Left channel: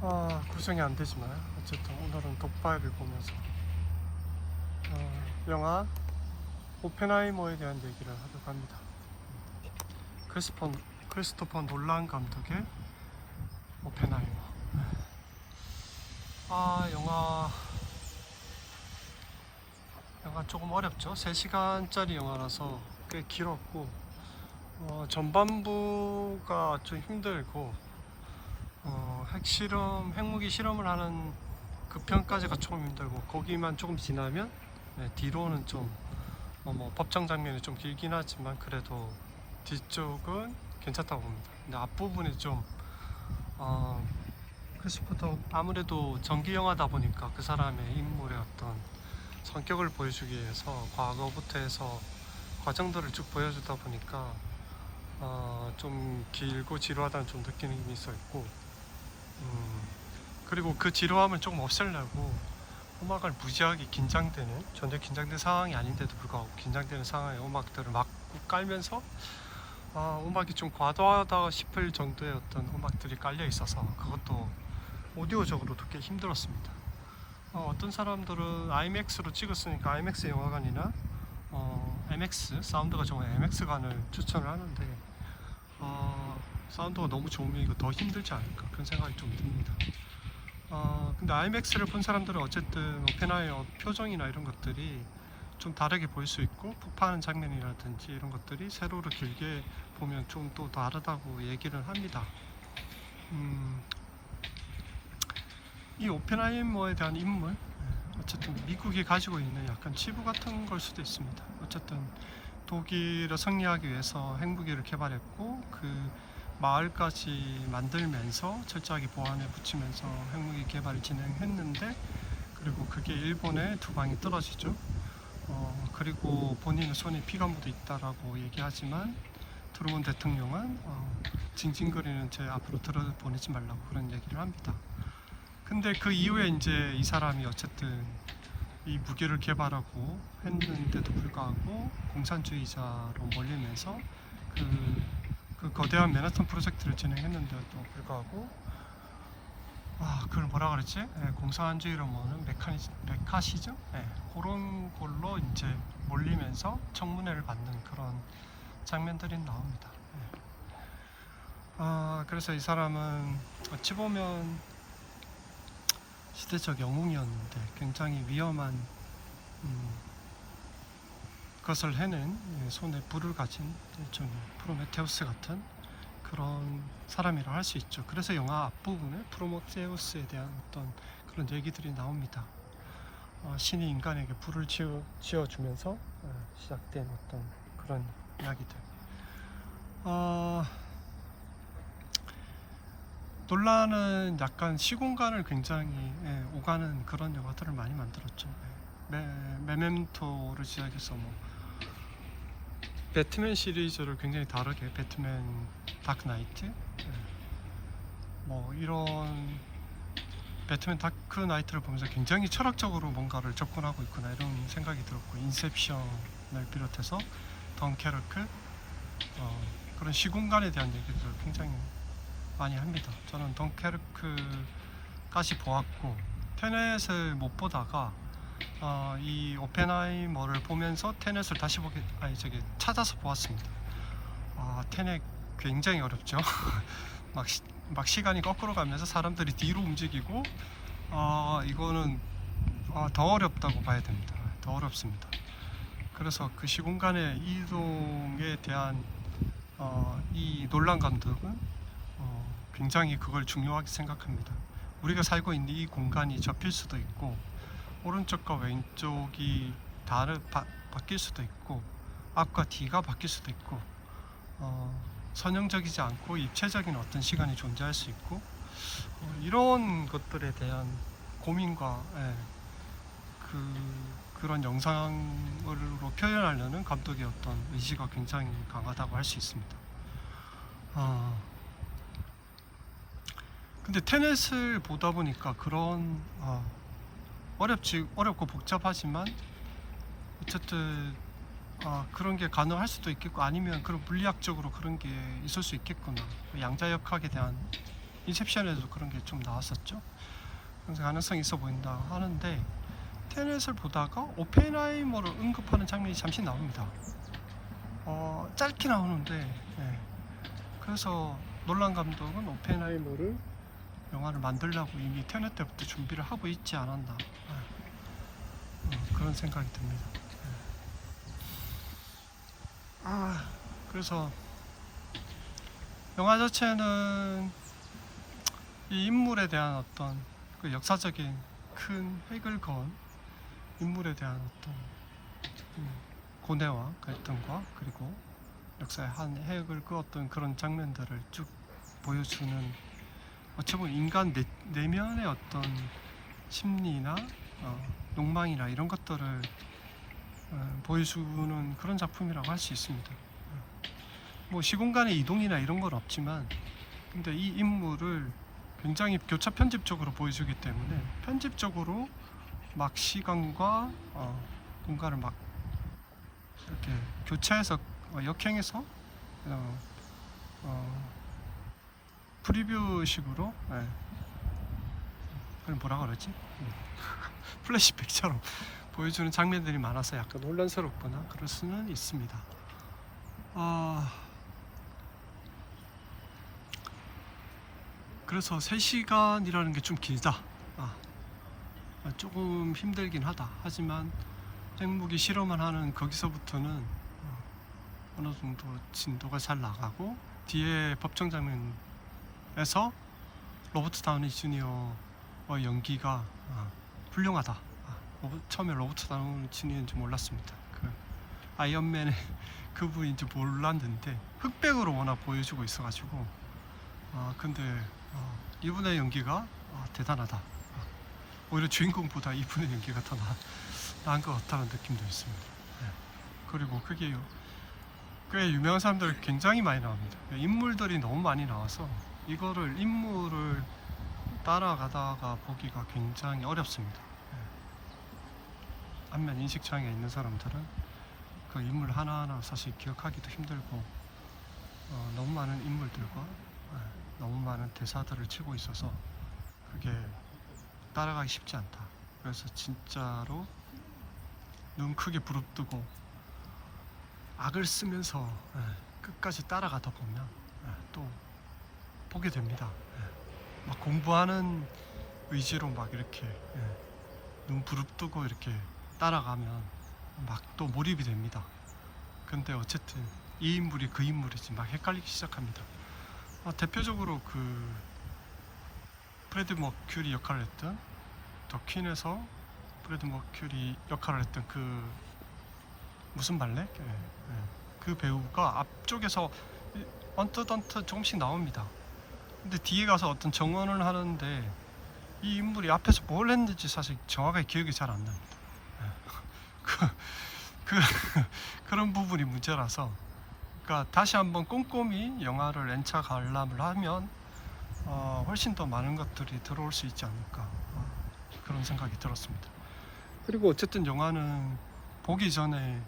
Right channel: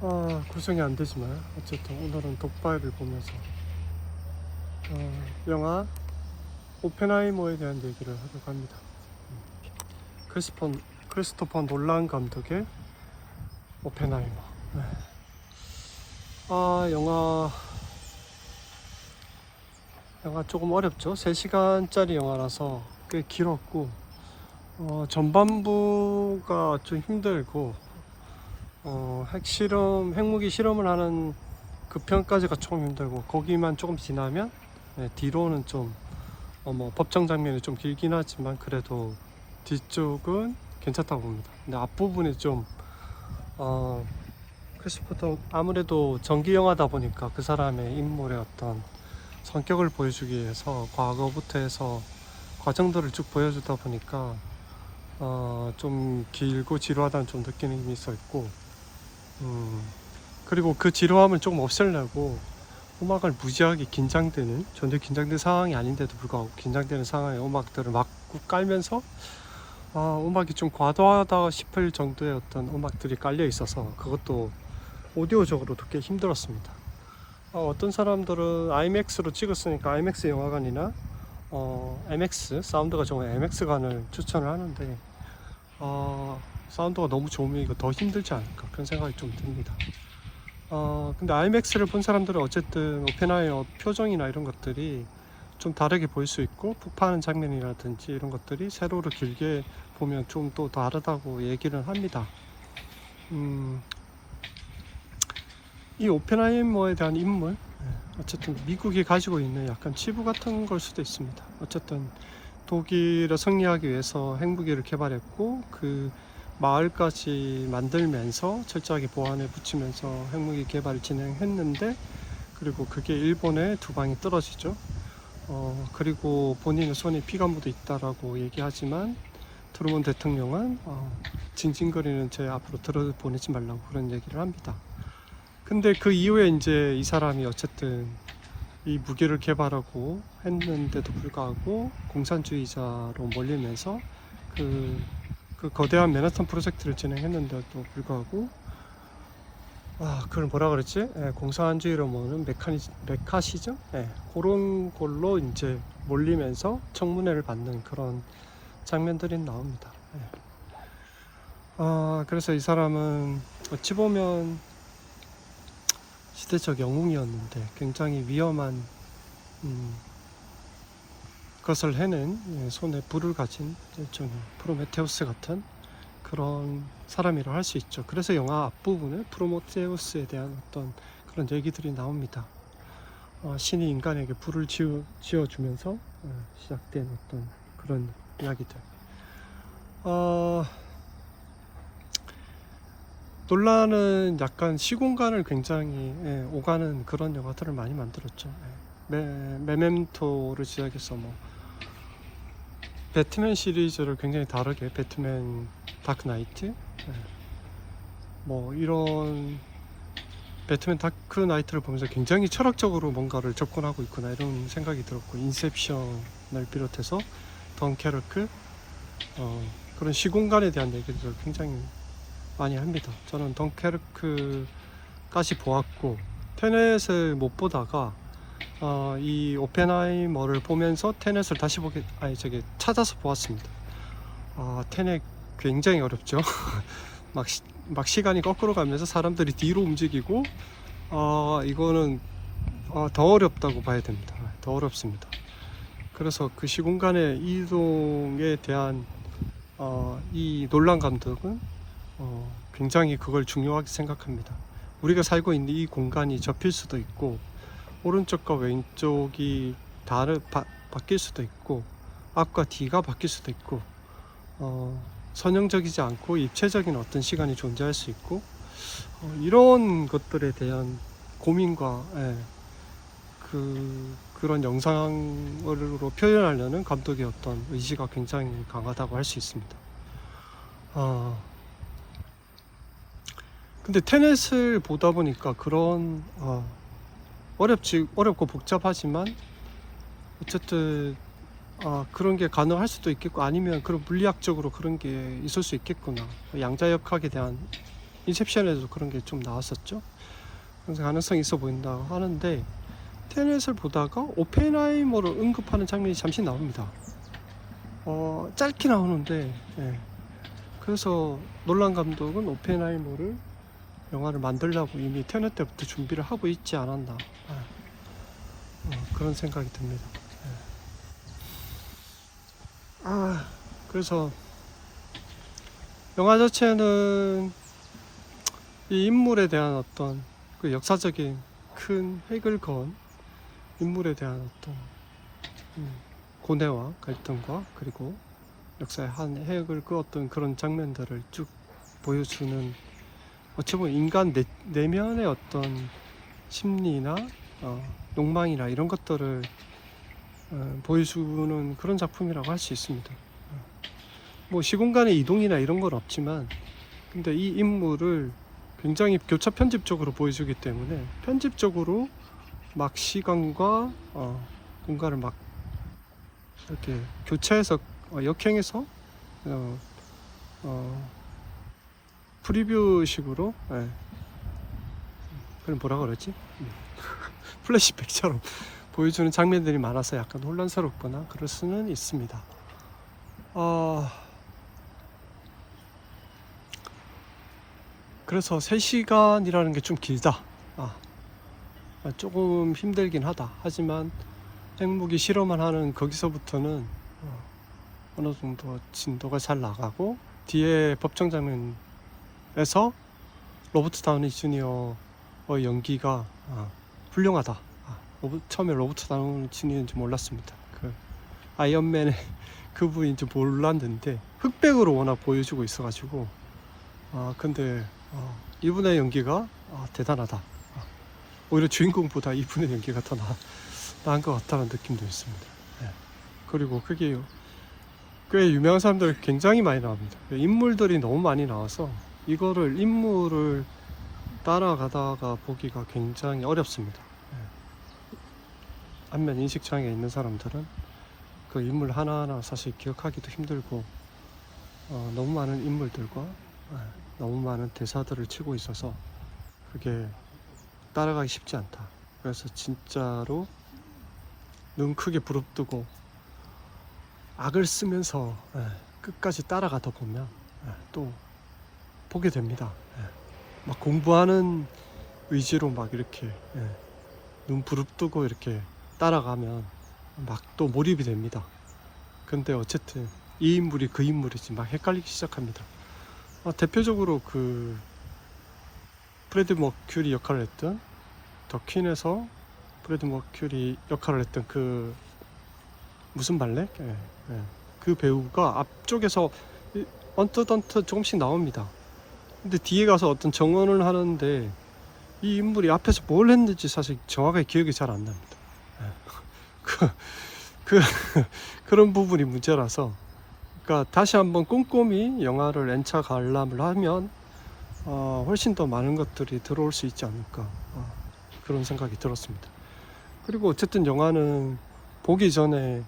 구성이 안 되지만 어쨌든 오늘은 독바이를 보면서 영화 오펜하이머에 대한 얘기를 하려고 합니다. 크리스토퍼 놀란 감독의 오펜하이머. 영화 조금 어렵죠. 3시간짜리 영화라서 꽤 길었고, 전반부가 좀 힘들고, 핵무기 실험을 하는 그 편까지가 조금 힘들고, 거기만 조금 지나면, 뒤로는 좀, 법정 장면이 좀 길긴 하지만, 그래도 뒤쪽은 괜찮다고 봅니다. 근데 앞부분이 좀, 크리스토퍼 아무래도 전기 영화다 보니까 그 사람의 인물의 어떤 성격을 보여주기 위해서 과거부터 해서 과정들을 쭉 보여주다 보니까 좀 길고 지루하다는 좀 느낌이 있었고, 그리고 그 지루함을 조금 없애려고 음악을 무지하게 전혀 긴장된 상황이 아닌데도 불구하고 긴장되는 상황에 음악들을 막 깔면서 음악이 좀 과도하다 싶을 정도의 어떤 음악들이 깔려 있어서 그것도 오디오적으로도 꽤 힘들었습니다. 어떤 사람들은 IMAX로 찍었으니까 IMAX 영화관이나 MX 사운드가 좋은 MX관을 추천을 하는데, 사운드가 너무 좋으면 이거 더 힘들지 않을까 그런 생각이 좀 듭니다. 근데 IMAX를 본 사람들은 어쨌든 오펜하이머 표정이나 이런 것들이 좀 다르게 보일 수 있고, 폭파하는 장면이라든지 이런 것들이 세로로 길게 보면 좀 또 다르다고 얘기를 합니다. 이 오펜하이머에 대한 인물, 어쨌든 미국이 가지고 있는 약간 치부 같은 걸 수도 있습니다. 어쨌든 독일을 승리하기 위해서 핵무기를 개발했고, 그 마을까지 만들면서 철저하게 보안에 붙이면서 핵무기 개발을 진행했는데, 그리고 그게 일본에 두 방이 떨어지죠. 그리고 본인의 손에 피가 묻어 있다라고 얘기하지만, 트루먼 대통령은 징징거리는 제 앞으로 들어보내지 말라고 그런 얘기를 합니다. 근데 그 이후에 이제 이 사람이 어쨌든 이 무기를 개발하고 했는데도 불구하고 공산주의자로 몰리면서 그 거대한 맨하탄 프로젝트를 진행했는데도 불구하고, 그걸 뭐라 그랬지? 공산주의로 모는 메카시즘? 그런 걸로 이제 몰리면서 청문회를 받는 그런 장면들이 나옵니다. 그래서 이 사람은 어찌 보면 시대적 영웅이었는데 굉장히 위험한 것을 해낸, 손에 불을 가진 일종의 프로메테우스 같은 그런 사람이라 할 수 있죠. 그래서 영화 앞부분에 프로메테우스에 대한 어떤 그런 얘기들이 나옵니다. 신이 인간에게 불을 지어주면서 시작된 어떤 그런 이야기들. 논란은 약간 시공간을 굉장히 오가는 그런 영화들을 많이 만들었죠. 메멘토를 시작해서 배트맨 시리즈를 굉장히 다르게, 배트맨 다크 나이트, 이런 배트맨 다크 나이트를 보면서 굉장히 철학적으로 뭔가를 접근하고 있구나 이런 생각이 들었고, 인셉션을 비롯해서 덩케르크, 그런 시공간에 대한 얘기들을 굉장히 많이 합니다. 저는 덩케르크까지 보았고, 테넷을 못 보다가 이 오펜하이머를 보면서 테넷을 다시 찾아서 보았습니다. 테넷 굉장히 어렵죠. 막 시간이 거꾸로 가면서 사람들이 뒤로 움직이고, 이거는 더 어렵다고 봐야 됩니다. 더 어렵습니다. 그래서 그 시공간의 이동에 대한 이 놀란 감독은 굉장히 그걸 중요하게 생각합니다. 우리가 살고 있는 이 공간이 접힐 수도 있고, 오른쪽과 왼쪽이 바뀔 수도 있고, 앞과 뒤가 바뀔 수도 있고, 선형적이지 않고 입체적인 어떤 시간이 존재할 수 있고, 이런 것들에 대한 고민과 그런 영상으로 표현하려는 감독의 어떤 의지가 굉장히 강하다고 할 수 있습니다. 근데 테넷을 보다 보니까 그런 어렵고 복잡하지만 어쨌든 그런 게 가능할 수도 있겠고, 아니면 그런 물리학적으로 그런 게 있을 수 있겠구나, 양자역학에 대한 인셉션에도 그런 게 좀 나왔었죠. 그래서 가능성이 있어 보인다고 하는데, 테넷을 보다가 오펜하이머를 언급하는 장면이 잠시 나옵니다. 짧게 나오는데, 예. 그래서 놀란 감독은 오펜하이머를 영화를 만들려고 이미 테넷 때부터 준비를 하고 있지 않았나, 그런 생각이 듭니다. 예. 그래서 영화 자체는 이 인물에 대한 어떤 그 역사적인 큰 획을 그은 인물에 대한 어떤 고뇌와 갈등과, 그리고 역사의 한 획을 그었던 그런 장면들을 쭉 보여주는, 어찌 보면 인간 내면의 어떤 심리나 욕망이나 이런 것들을 보여주는 그런 작품이라고 할 수 있습니다. 뭐 시공간의 이동이나 이런 건 없지만, 근데 이 인물을 굉장히 교차 편집적으로 보여주기 때문에, 편집적으로 막 시간과 공간을 막 이렇게 교차해서 역행해서 프리뷰식으로, 그걸 뭐라 그러지? 플래시백처럼 보여주는 장면들이 많아서 약간 혼란스럽거나 그럴 수는 있습니다. 그래서 3시간이라는 게 좀 길다. 조금 힘들긴 하다. 하지만 핵무기 실험을 하는 거기서부터는 어느 정도 진도가 잘 나가고, 뒤에 법정 장면에서 로버트 다우니 주니어의 연기가 훌륭하다. 처음에 로버트 다우니 주니어인지 몰랐습니다. 그 아이언맨의 그분인지 몰랐는데 흑백으로 워낙 보여주고 있어가지고, 근데 이분의 연기가 대단하다. 오히려 주인공보다 이분의 연기가 더 나은 것 같다는 느낌도 있습니다. 그리고 그게 꽤 유명한 사람들 굉장히 많이 나옵니다. 인물들이 너무 많이 나와서 이거를 인물을 따라가다가 보기가 굉장히 어렵습니다. 안면 인식장애 있는 사람들은 그 인물 하나하나 사실 기억하기도 힘들고, 너무 많은 인물들과 너무 많은 대사들을 치고 있어서 그게 따라가기 쉽지 않다. 그래서 진짜로 눈 크게 부릅뜨고 악을 쓰면서 끝까지 따라가다 보면 또 보게 됩니다. 막 공부하는 의지로 막 이렇게 눈 부릅뜨고 이렇게 따라가면 막 또 몰입이 됩니다. 근데 어쨌든 이 인물이 그 인물이지 막 헷갈리기 시작합니다. 대표적으로 그 프레드 머큐리 역할을 했던 더 퀸에서 프레드 머큐리 역할을 했던 그 무슨 발레? 그 배우가 앞쪽에서 언뜻 조금씩 나옵니다. 근데 뒤에 가서 어떤 정언을 하는데 이 인물이 앞에서 뭘 했는지 사실 정확하게 기억이 잘 안 납니다. 그런 부분이 문제라서, 그러니까 다시 한번 꼼꼼히 영화를 N차 관람을 하면 훨씬 더 많은 것들이 들어올 수 있지 않을까, 그런 생각이 들었습니다. 그리고 어쨌든 영화는 보기 전에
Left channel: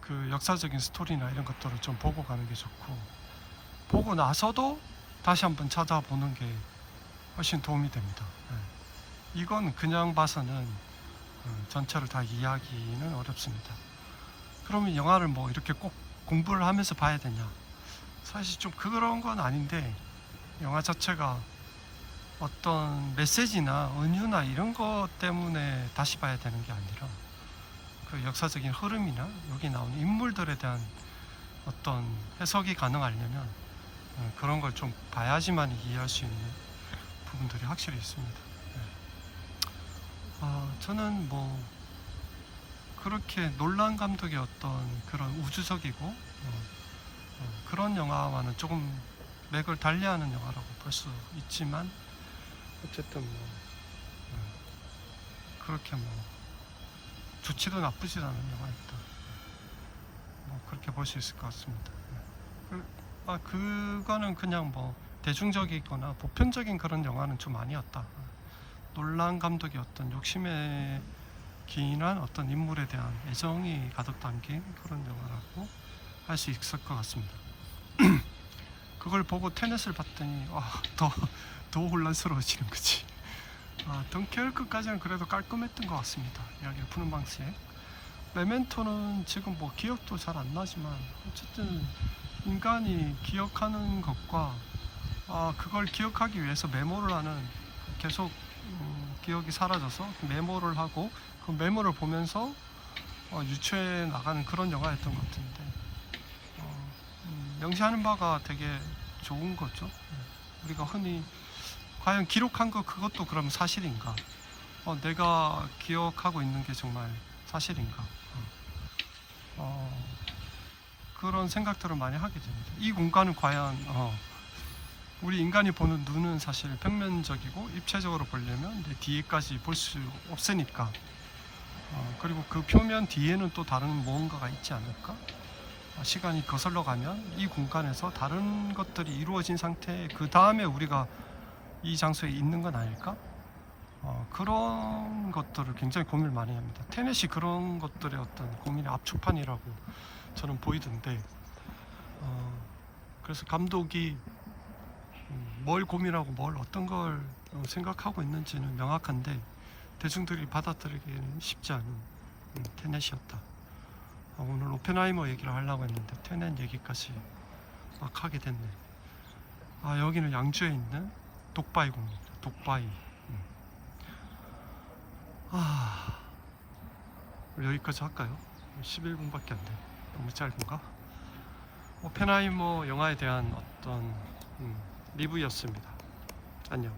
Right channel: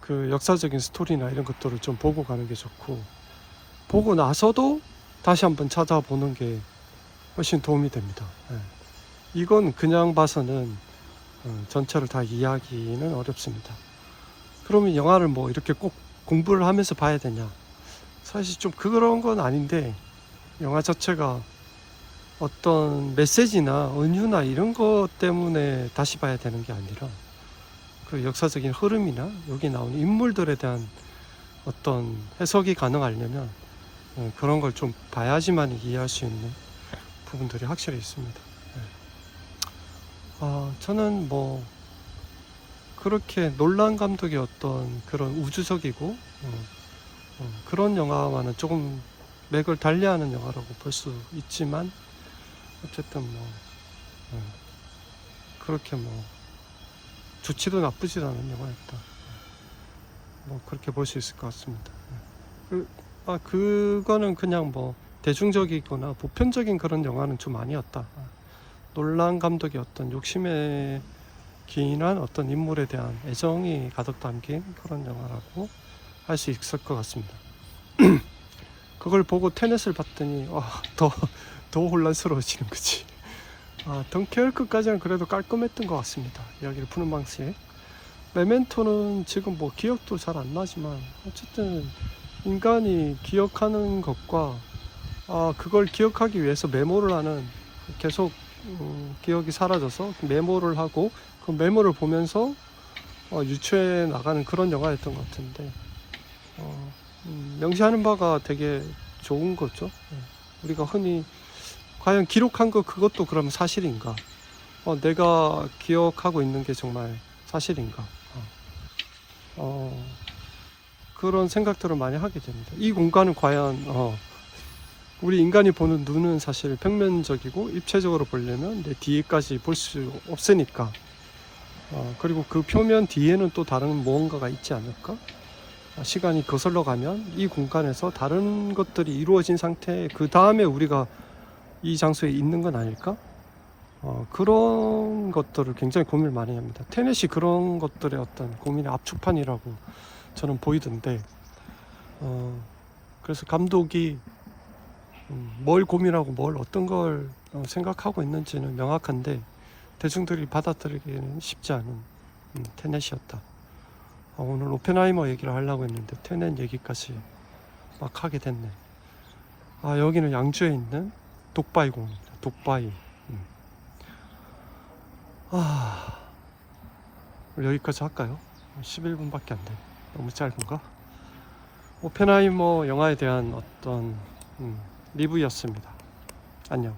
그 역사적인 스토리나 이런 것들을 좀 보고 가는 게 좋고, 보고 나서도 다시 한번 찾아보는 게 훨씬 도움이 됩니다. 이건 그냥 봐서는 전체를 다 이해하기는 어렵습니다. 그러면 영화를 뭐 이렇게 꼭 공부를 하면서 봐야 되냐? 사실 좀 그런 건 아닌데, 영화 자체가 어떤 메시지나 은유나 이런 것 때문에 다시 봐야 되는 게 아니라, 그 역사적인 흐름이나 여기 나오는 인물들에 대한 어떤 해석이 가능하려면 그런 걸 좀 봐야지만 이해할 수 있는 부분들이 확실히 있습니다. 저는 뭐 그렇게 놀란 감독의 어떤 그런 우주적이고 그런 영화와는 조금 맥을 달리하는 영화라고 볼 수 있지만, 어쨌든 뭐 그렇게 뭐 좋지도 나쁘지도 않은 영화였다, 뭐 그렇게 볼 수 있을 것 같습니다. 그거는 그냥 뭐 대중적이거나 보편적인 그런 영화는 좀 아니었다. 놀란 감독의 어떤 욕심에 기인한 어떤 인물에 대한 애정이 가득 담긴 그런 영화라고 할 수 있을 것 같습니다. 그걸 보고 테넷을 봤더니 더 혼란스러워지는 거지. 덩케르크까지는 그래도 깔끔했던 것 같습니다. 이야기를 푸는 방식. 메멘토는 지금 뭐 기억도 잘 안 나지만 어쨌든 인간이 기억하는 것과 그걸 기억하기 위해서 메모를 하는, 계속 기억이 사라져서 메모를 하고 그 메모를 보면서 유추해 나가는 그런 영화였던 것 같은데, 명시하는 바가 되게 좋은 거죠. 예. 우리가 흔히 과연 기록한 거 그것도 그럼 사실인가? 내가 기억하고 있는 게 정말 사실인가? 그런 생각들을 많이 하게 됩니다. 이 공간은 과연 우리 인간이 보는 눈은 사실 평면적이고 입체적으로 보려면 내 뒤에까지 볼 수 없으니까, 그리고 그 표면 뒤에는 또 다른 무언가가 있지 않을까? 시간이 거슬러 가면 이 공간에서 다른 것들이 이루어진 상태에 그 다음에 우리가 이 장소에 있는 건 아닐까? 그런 것들을 굉장히 고민을 많이 합니다. 테넷이 그런 것들의 어떤 고민의 압축판이라고 저는 보이던데, 그래서 감독이 뭘 고민하고 뭘 어떤 걸 생각하고 있는지는 명확한데 대중들이 받아들이기는 쉽지 않은 테넷이었다. 오늘 오펜하이머 얘기를 하려고 했는데 테넷 얘기까지 막 하게 됐네. 여기는 양주에 있는 독바이 공원입니다. 독바이. 여기까지 할까요? 11분밖에 안 돼. 너무 짧은가? 오펜하이머 영화에 대한 어떤 리뷰였습니다. 안녕.